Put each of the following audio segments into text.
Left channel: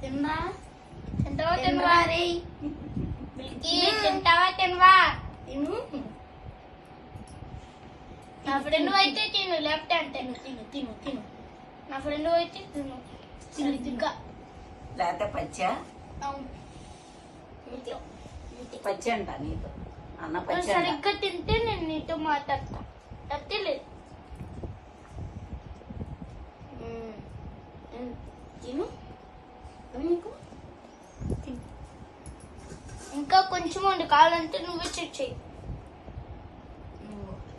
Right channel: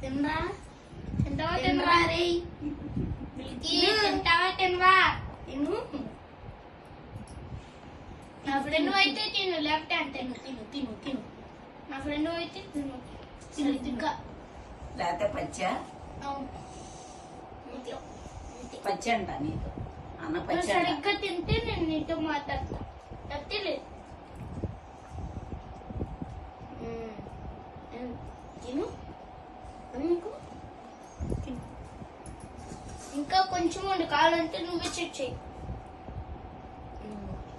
తినరా తింటావా తినరా రే మిల్కీ తింటావా తినవా తిను నా ఫ్రెండ్ అయితే తిను లెఫ్ట్ హ్యాండ్ తిను తిను తిను తిను నా ఫ్రెండ్ అయితే తిను సరిగ్గా లేకపోతే పచ్చా పచ్చి అంట నీతో అన్న పచ్చి సరిగ్గా తింటే నేను నీతో మాట్లాడతా తప్పలేదు తిను నీకు ఇంకా కొంచెం ఉండి కావాలంటే నువ్వే చెక్ చేయి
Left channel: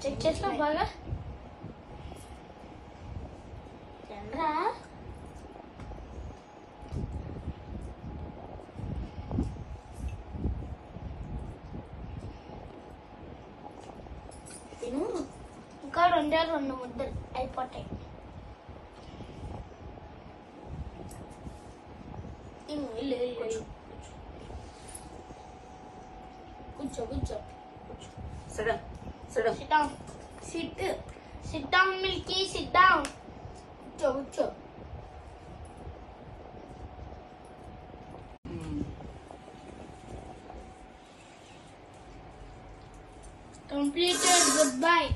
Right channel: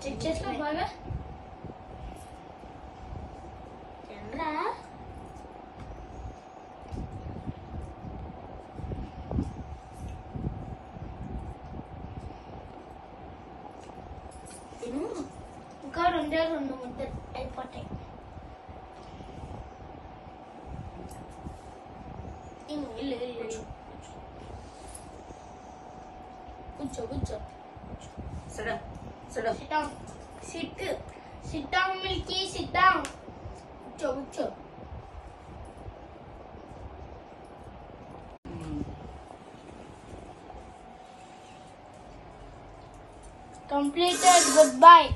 చెక్ చేసినా బాగా తినరా తిను ఇంకా రెండు ముద్దలు అయిపోతాయి తిను వెళ్ళు వెళ్ళు కూర్చో కూర్చో సిడం సిడం sit down sit down Milky sit down కూర్చో కూర్చో completed goodbye